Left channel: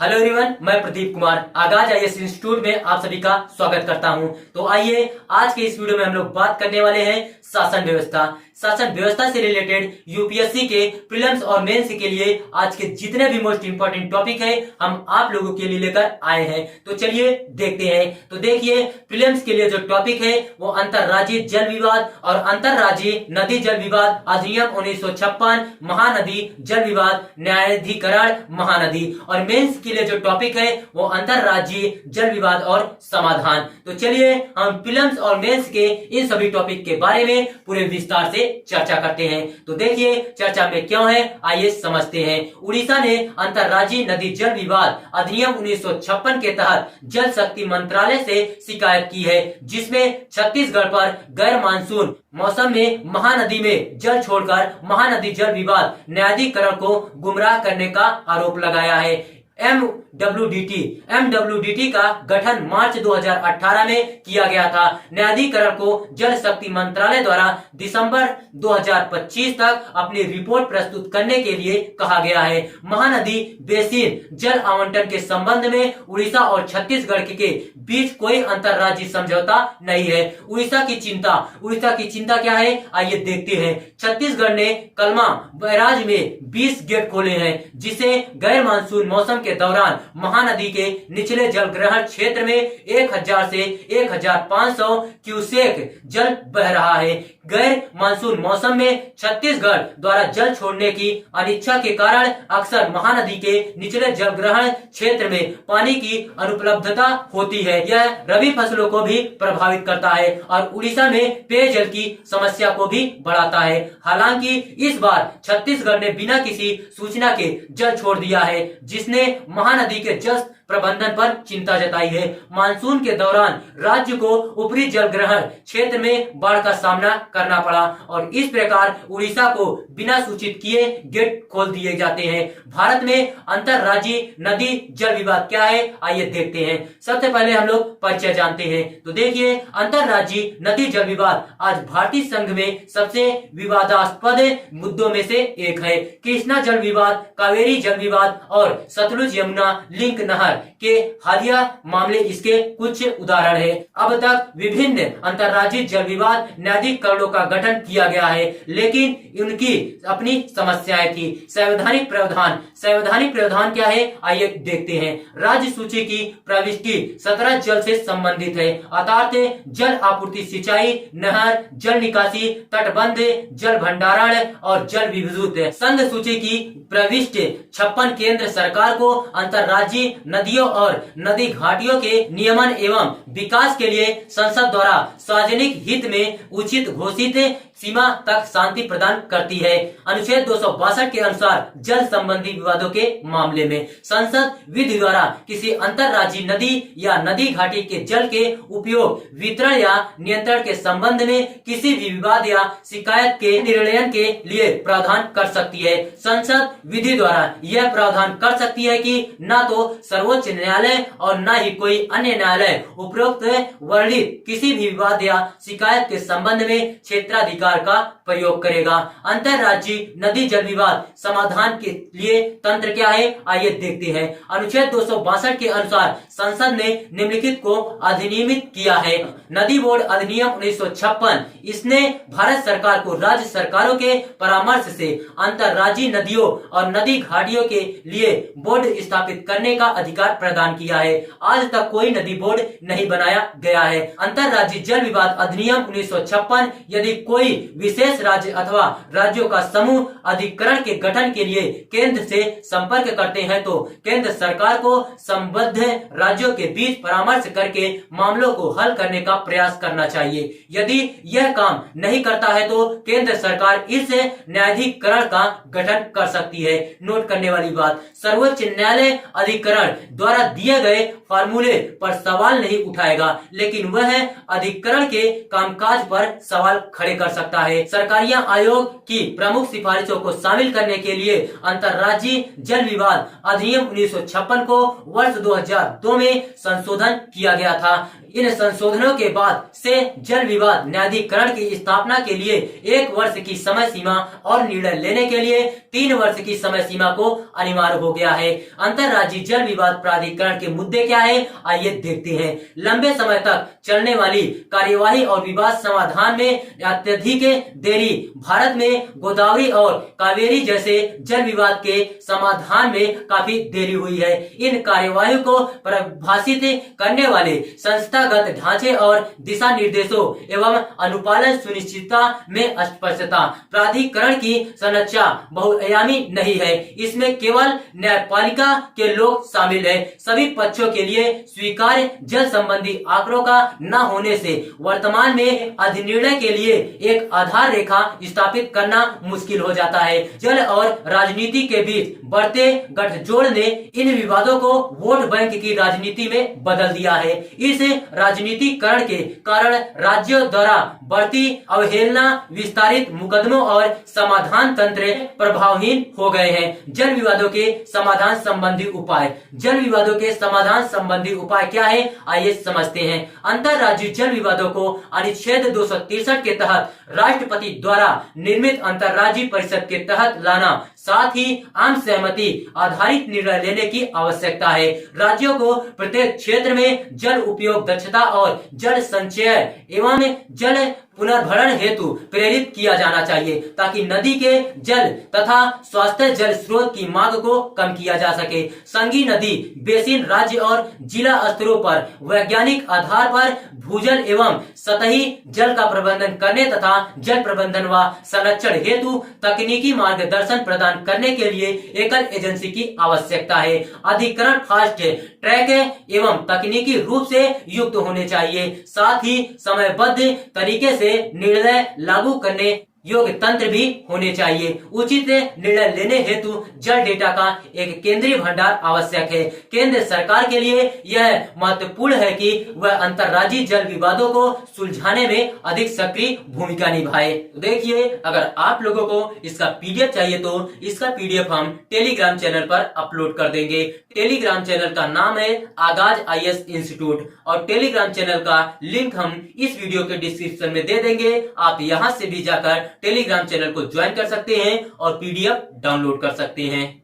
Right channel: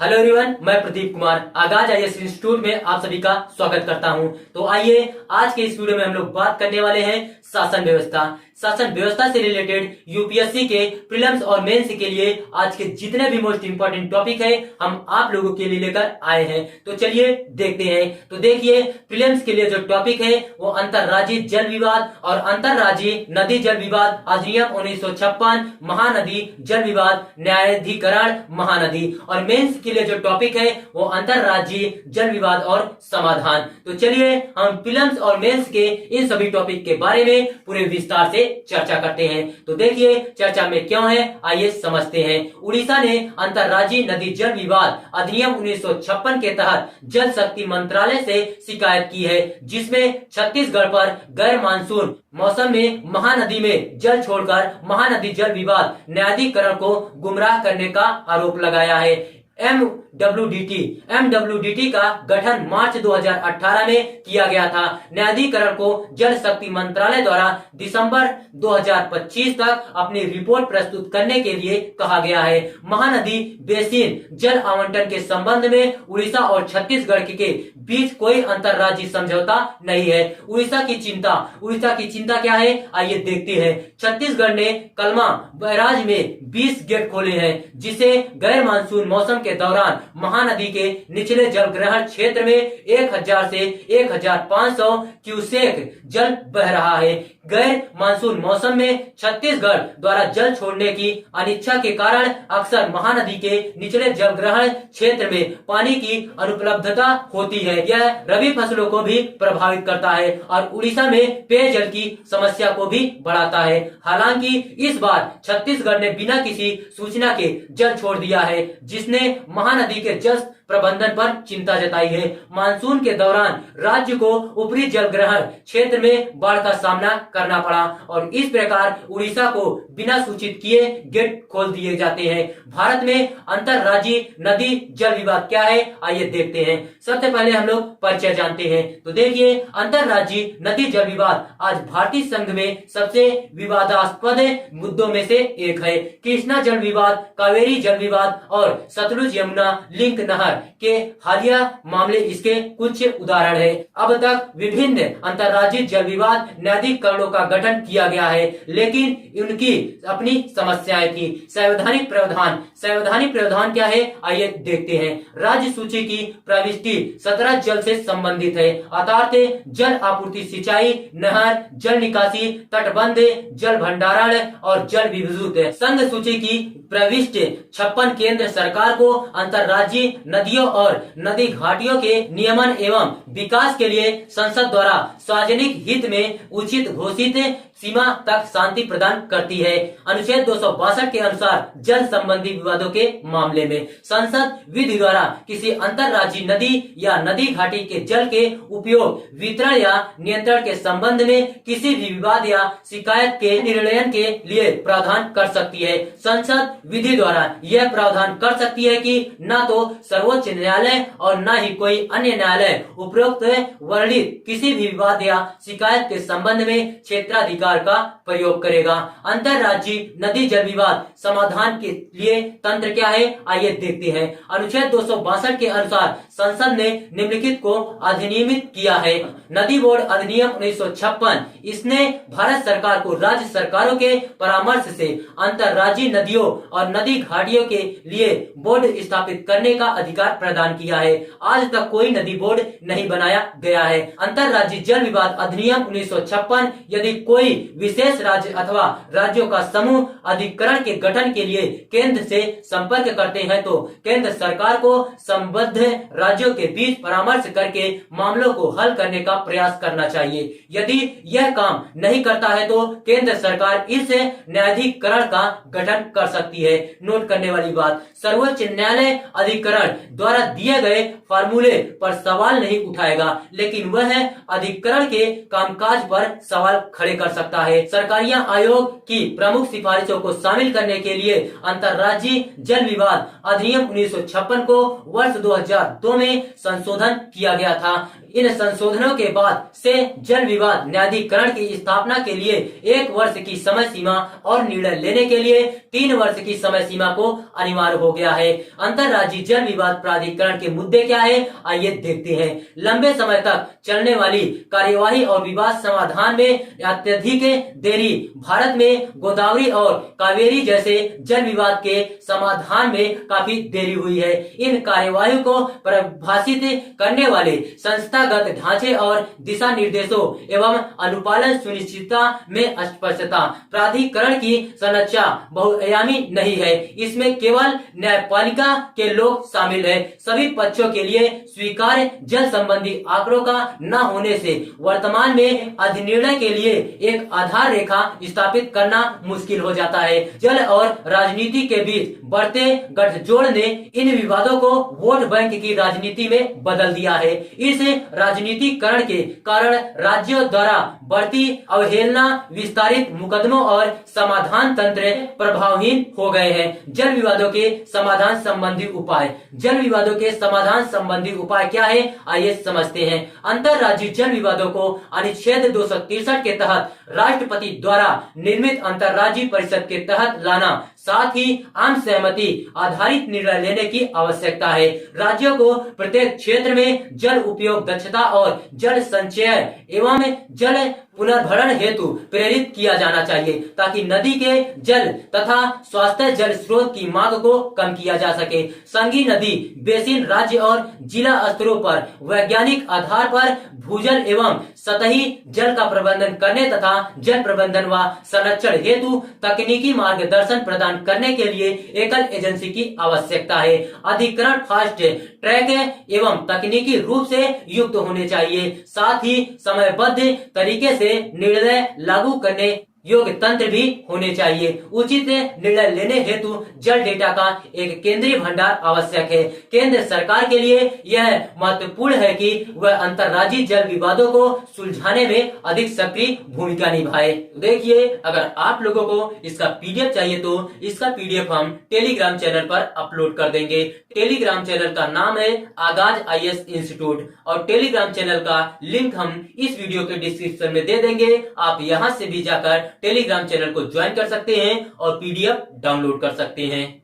Hello everyone, मैं प्रदीप कुमार आगाज IAS institute में आप सभी का स्वागत करता हूं। तो आइए आज के इस वीडियो में हम लोग बात करने वाले हैं शासन व्यवस्था। शासन व्यवस्था से रिलेटेड यूपीएससी के प्रीलिम्स और मेंस के लिए आज के जितने भी मोस्ट इंपोर्टेंट टॉपिक है हम आप लोगों के लिए लेकर आए हैं। तो चलिए देखते हैं। तो देखिए, प्रीलिम्स के लिए जो टॉपिक है वो अंतरराज्यीय जल विवाद और अंतरराज्यीय नदी जल विवाद अधिनियम 1956, महानदी जल विवाद न्यायाधिकरण महानदी। और मेंस के लिए जो टॉपिक है वो अंतरराज्यीय जल विवाद और समाधान। तो चलिए हम प्रीलिम्स और मेंस के इन सभी टॉपिक के बारे में पूरे विस्तार से चर्चा करते हैं। तो देखिए चर्चा में क्यों है, आइए समझते हैं। उड़ीसा ने अंतरराज्यीय नदी जल विवाद अधिनियम 1956 के तहत जल शक्ति मंत्रालय से शिकायत की है, जिसमें छत्तीसगढ़ पर गैर मानसून मौसम में महानदी में जल छोड़कर महानदी जल विवाद न्यायाधिकरण को गुमराह करने का आरोप लगाया है। एमडब्ल्यूडीटी का गठन मार्च 2018 में किया गया था। न्यायाधिकरण को जल शक्ति मंत्रालय द्वारा दिसंबर 2025 तक अपनी रिपोर्ट प्रस्तुत करने के लिए कहा गया है। महानदी बेसिन जल आवंटन के संबंध में उड़ीसा और छत्तीसगढ़ के बीच कोई अंतरराज्यीय समझौता नहीं है। उड़ीसा की चिंता क्या है, आइए देखते हैं। छत्तीसगढ़ ने कलमा बैराज में 20 गेट खोले हैं, जिसे गैर मानसून मौसम के दौरान महानदी के निचले जल ग्रहण क्षेत्र में 1000 से 1500 क्यूसेक जल बह रहा है। गैर मानसून मौसम में छत्तीसगढ़ द्वारा जल छोड़ने की अनिच्छा के कारण अक्सर महानदी के निचले जल ग्रहण क्षेत्र में पानी की अनुपलब्धता होती है। यह रबी फसलों को भी प्रभावित करता है और उड़ीसा में पेयजल की समस्या को भी बढ़ाता है। हालांकि इस बार छत्तीसगढ़ ने बिना किसी सूचना के जल छोड़ दिया है, जिसने महानदी के जल प्रबंधन पर चिंता जताई है। मानसून के दौरान राज्य को ऊपरी जल ग्रहण क्षेत्र में बाढ़ का सामना करना पड़ा और इस प्रकार उड़ीसा को बिना सूचित किए गेट खोल दिए जाते हैं। भारत में अंतरराज्यीय नदी जल विवाद क्या है, आइए देखते हैं। सबसे पहले हम लोग परिचय जानते हैं। तो देखिए, अंतरराज्यीय नदी जल विवाद आज भारतीय संघ में सबसे विवादास्पद मुद्दों में से एक है। कृष्णा जल विवाद, कावेरी जल विवाद और सतलुज यमुना लिंक नहर के हालिया मामले इसके कुछ उदाहरण है। अब तक विभिन्न अंतरराज्यीय जल विवाद न्यायाधिकरणों का गठन किया गया है, लेकिन उनकी अपनी समस्याएं थी। संवैधानिक प्रावधान क्या है, आइए देखते हैं। राज्य सूची की प्रविष्टि 17 जल से संबंधित है, अर्थात जल आपूर्ति, सिंचाई, नहर, जल निकासी, तटबंध, जल भंडारण और जल विद्युत। संघ सूची की प्रविष्टि 56 केंद्र सरकार को अंतरराज्यीय नदियों और नदी घाटियों के नियमन एवं विकास के लिए संसद द्वारा सार्वजनिक हित में उचित घोषित सीमा तक शांति प्रदान करती है। अनुच्छेद 262 के अनुसार जल संबंधी विवादों के मामले में संसद विधि द्वारा किसी अंतरराज्यीय नदी या नदी घाटी के जल के उपयोग, वितरण या नियंत्रण के संबंध में किसी भी विवाद या शिकायत के निर्णय के लिए प्रावधान कर सकती है। संसद विधि द्वारा यह प्रावधान कर सकती है कि न तो सर्वोच्च न्यायालय और न ही कोई अन्य न्यायालय उपरोक्त वर्णित किसी भी विवाद या शिकायत के संबंध में क्षेत्राधिकार का प्रयोग करेगा। अंतरराज्यीय नदी जल विवाद समाधान के लिए तंत्र क्या है, आइए देखते हैं। अनुच्छेद 262 के अनुसार संसद ने निम्नलिखित को अधिनियमित किया है। नदी बोर्ड अधिनियम 1956, इसने भारत सरकार को राज्य सरकारों के परामर्श से अंतरराज्यीय नदियों और नदी घाटियों के लिए बोर्ड स्थापित करने का अधिकार प्रदान किया है। आज तक कोई नदी बोर्ड नहीं बनाया गया है। अंतरराज्यीय जल विवाद अधिनियम 1956 यदि कोई विशेष राज्य अथवा राज्यों का समूह अधिकरण के गठन के लिए केंद्र से संपर्क करते हैं तो केंद्र सरकार को संबद्ध राज्यों के बीच परामर्श करके मामलों को हल करने का प्रयास करना चाहिए। यदि यह काम नहीं करता है तो केंद्र सरकार इस न्यायाधिकरण का गठन कर सकती है। नोट करने वाली बात, सर्वोच्च न्यायालय अधिकरण द्वारा दिए गए फार्मूले पर सवाल नहीं उठाएगा, लेकिन वह अधिकरण के कामकाज पर सवाल खड़े कर सकता सकता है। सरकारिया आयोग की प्रमुख सिफारिशों को शामिल करने के लिए अंतर्राज्यीय जल विवाद अधिनियम 1956 को वर्ष 2002 में संशोधन किया गया था। इन संशोधनों के बाद से जल विवाद न्यायाधिकरण की स्थापना के लिए 1 वर्ष की समय सीमा और निर्णय लेने के लिए 3 वर्ष की समय सीमा को अनिवार्य हो गया है। अंतर्राज्यीय जल विवाद प्राधिकरण के मुद्दे क्या है, आइए देखते हैं। लंबे समय तक चलने वाली कार्यवाही और विवाद समाधान में अत्यधिक देरी भारत में गोदावरी और कावेरी जैसे जल विवाद के समाधान में काफी देरी हुई है। इन कार्यवाही को परिभाषित करने वाले संस्थागत ढांचे और दिशा निर्देशों एवं अनुपालन सुनिश्चितता में अस्पष्टता। प्राधिकरण की संरचना बहुआयामी नहीं है, इसमें केवल न्यायपालिका के लोग शामिल है। सभी पक्षों के लिए स्वीकार्य जल संबंधी आंकड़ों का न होने से वर्तमान में अधिनिर्णय के लिए एक आधार रेखा स्थापित करना मुश्किल हो जाता है। जल और राजनीति के बीच बढ़ते गठजोड़ ने इन विवादों को वोट बैंक की राजनीति में बदल दिया है। इस राजनीतिकरण के कारण राज्यों द्वारा बढ़ती अवहेलना, विस्तारित मुकदमों और समाधान तंत्र प्रभावहीन हो गए हैं। जल विवादों के समाधान संबंधी उपाय। जल विवादों के समाधान संबंधी उपाय क्या है, आइए समझते हैं। अंतर्राज्यीय जल विवादों को अनुच्छेद 263 के तहत राष्ट्रपति द्वारा निर्मित अंतर्राज्यीय परिषद के तहत लाना, साथ ही आम सहमति आधारित निर्णय लेने की आवश्यकता है। राज्यों को प्रत्येक क्षेत्र में जल उपयोग दक्षता और जल संचय एवं जल पुनर्भरण हेतु प्रेरित किया जाना चाहिए, ताकि नदी के जल तथा स्वास्थ्य जल स्रोत की मांग को कम किया जा सके। संघीय नदी बेसिन राज्य और जिला स्तरों पर वैज्ञानिक आधार पर भूजल एवं सतही जल का प्रबंधन करने तथा जल प्रबंधन व संरक्षण हेतु तकनीकी मार्गदर्शन प्रदान करने के लिए एकल एजेंसी की आवश्यकता है। अधिकरण फास्ट ट्रैक एवं तकनीकी रूप से युक्त होने चाहिए, साथ ही समयबद्ध तरीके से निर्णय लागू करने योग्य तंत्र भी होने चाहिए। उचित निर्णय लेने हेतु जल डेटा का एक केंद्रीय भंडार आवश्यक है। केंद्र सरकार के लिए यह महत्वपूर्ण है कि वह अंतर्राज्यीय जल विवादों को सुलझाने में अधिक सक्रिय भूमिका निभाए। तो देखिए, अगर आप लोगों को इसका पीडीएफ चाहिए तो इसका पीडीएफ हम टेलीग्राम चैनल पर अपलोड कर देंगे। टेलीग्राम चैनल का नाम है आगाज IAS इंस्टीट्यूट और टेलीग्राम चैनल का लिंक हम इस वीडियो के डिस्क्रिप्शन में दे देंगे। आप यहाँ से भी जाकर टेलीग्राम चैनल को ज्वाइन कर सकते हैं और पीडीएफ डाउनलोड कर सकते हैं।